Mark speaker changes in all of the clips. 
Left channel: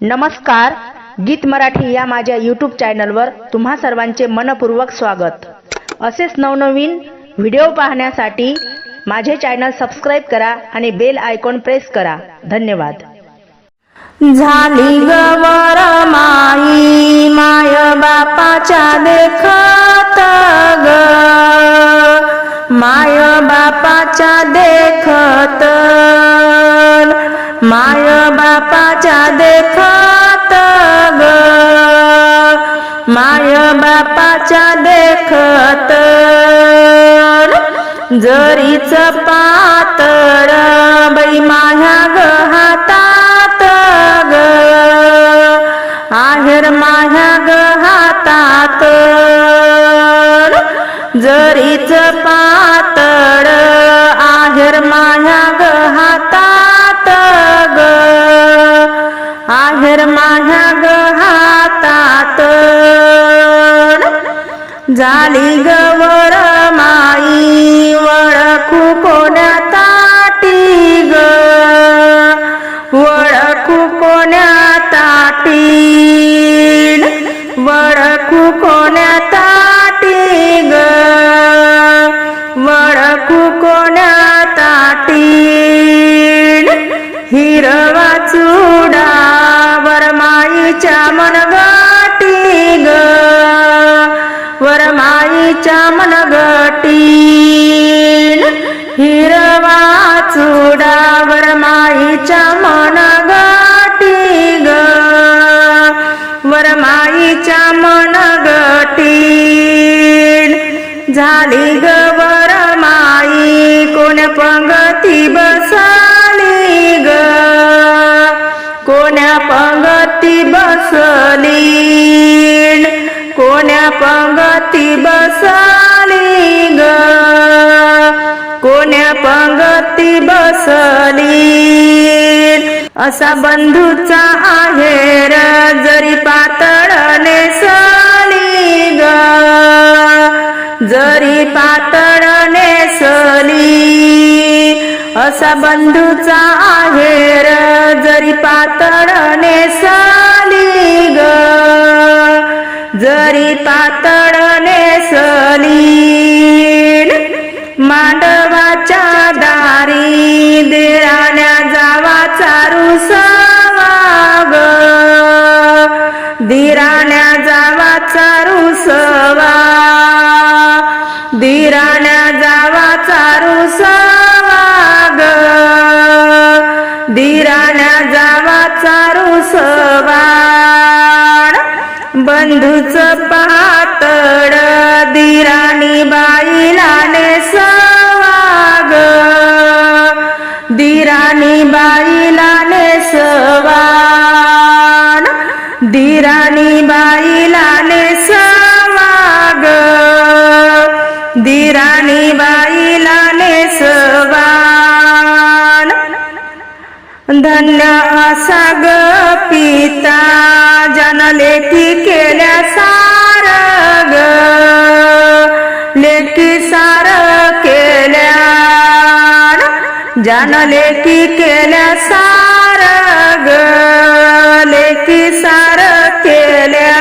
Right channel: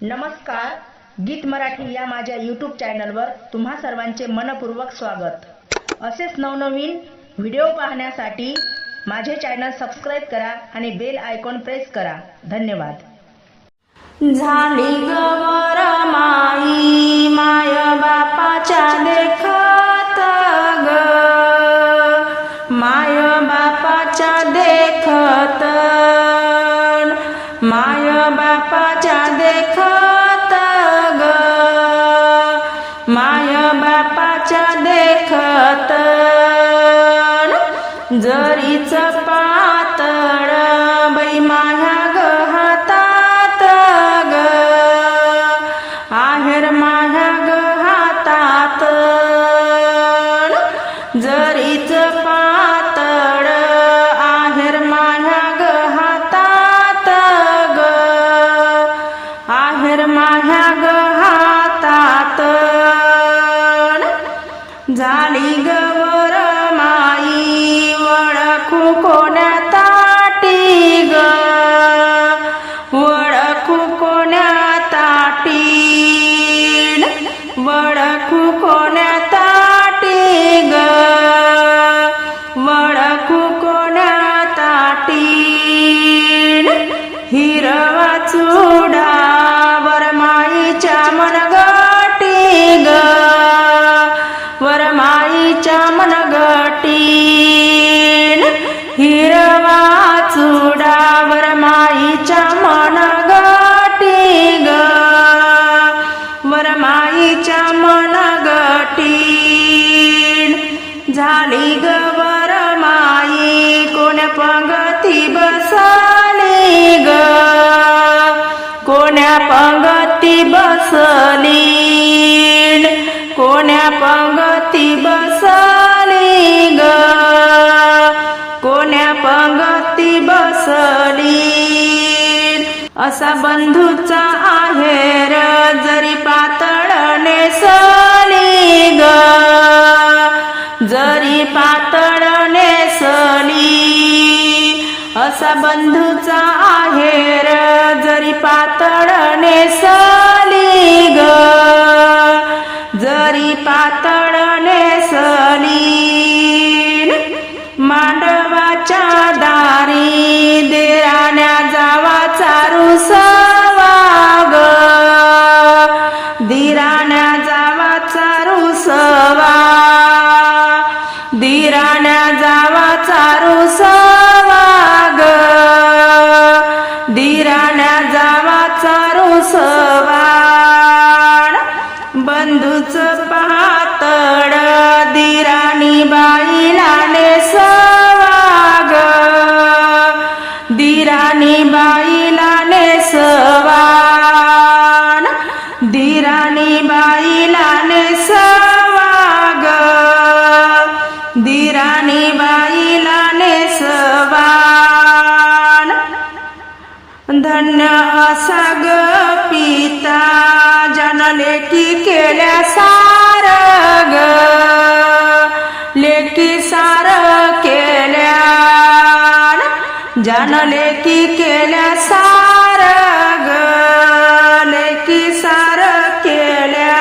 Speaker 1: नमस्कार गीत मराठी या माझ्या यूट्यूब चॅनलवर तुम्हा सर्वांचे मनपूर्वक स्वागत. असेच नवनवीन व्हिडिओ पाहण्यासाठी माझे चॅनल सबस्क्राईब करा आणि बेल आयकॉन प्रेस करा. धन्यवाद.
Speaker 2: झाली गवर माई माय बापाच्या देखत ग. माय बापाच्या देखत माय बापाच्या देखत ग. माय बापाच्या देखत जरीच पातर बाई माझ्या ग. माझ्या ग हातात झाली गवर माई वळखू कोण्या ताटी ग? वळखू कोण्या ताटी? वळखू कोण्या ताटी ग? वळखू कोण्या ताटी? हिरवाचू चुडा वरमाईच्या मनगटी ग. वरमाईच्या मनगटी. हिरवा चुडा वरमाईच्या मनगटी ग. वरमाईच्या मनगटी. झाली ग कोण्या पंगती बसली? कोण्या पंगती बसली ग? कोण्या पंगती बसली? असा बंधूचा आहेर जरी पातळ सली ग. जरी पातळ सली असा बंधूचा आहेर जरी पातळ नेसली ग. जरी पातळ नेसली मांडवाच्या दारी देराण्या जावा चारू बंधूच पातळ दिराणी बाईला नेसवाग दिराणी बाईला नेसवाड दिराणी बाईला नेसवाग दिराणी बाई धन्य असा ग पिता ज्यानं लेखी केल्या सार ग. लेखी सार केल्या ज्यानं लेखी केल्या सार ग. लेखी सार केल्या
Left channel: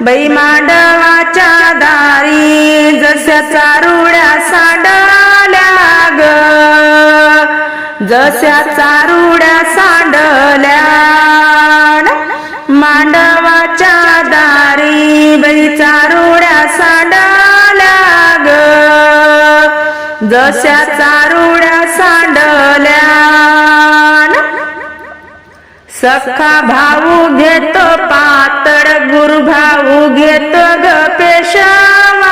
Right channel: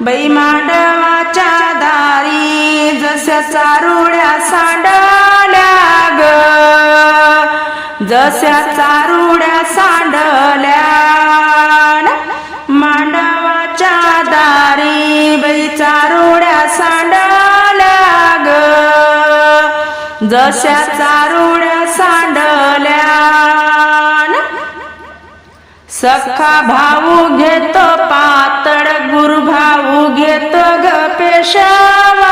Speaker 2: बाई मांडवाच्या दारी जशा चारुड्या सांडल्या जशा चारुड्या सांडल्या. मांडवाच्या दारी बाई चारुड्या सांडल्या ग. जशा चारुड्या सांडल्या. सखा भाऊ घेतो पातळ गुरु भाऊ घेतो ग पेशवाई.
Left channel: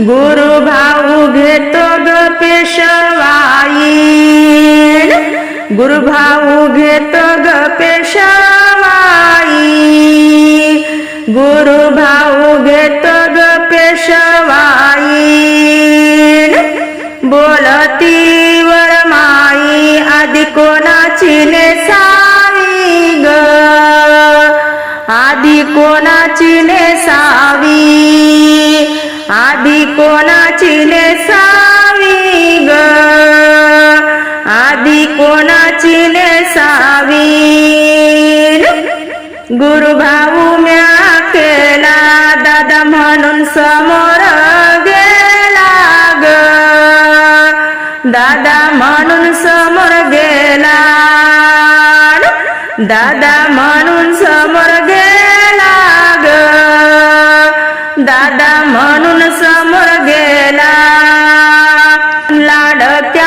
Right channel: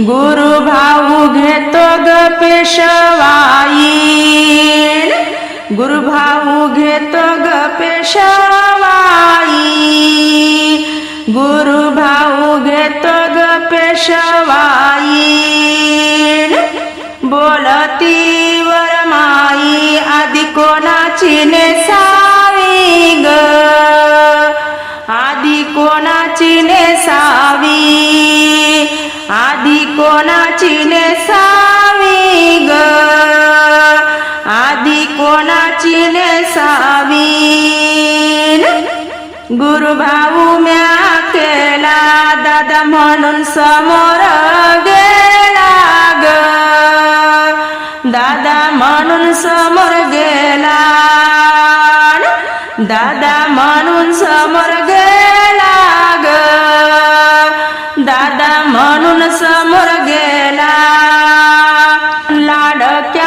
Speaker 2: गुरु भाऊ घेतो पेशवाईल गुरुभाऊ गुरु भाऊ घेतो ग पेशवाई. गुरु भाऊ घेतो ग पेशवाईल बोलती वरमाई आधी कोणाची नेसावी ग? आधी कोणाची नेसावी? आधी कोणाची नेसावी? कोणाची नेसावी? गुरु भाऊ म्या केला दादा म्हणून समोर गेला ग दादा म्हणून समोर गेला. दादा म्हणून समोर गेला ग दादा म्हणून समोर गेला. लाडक्या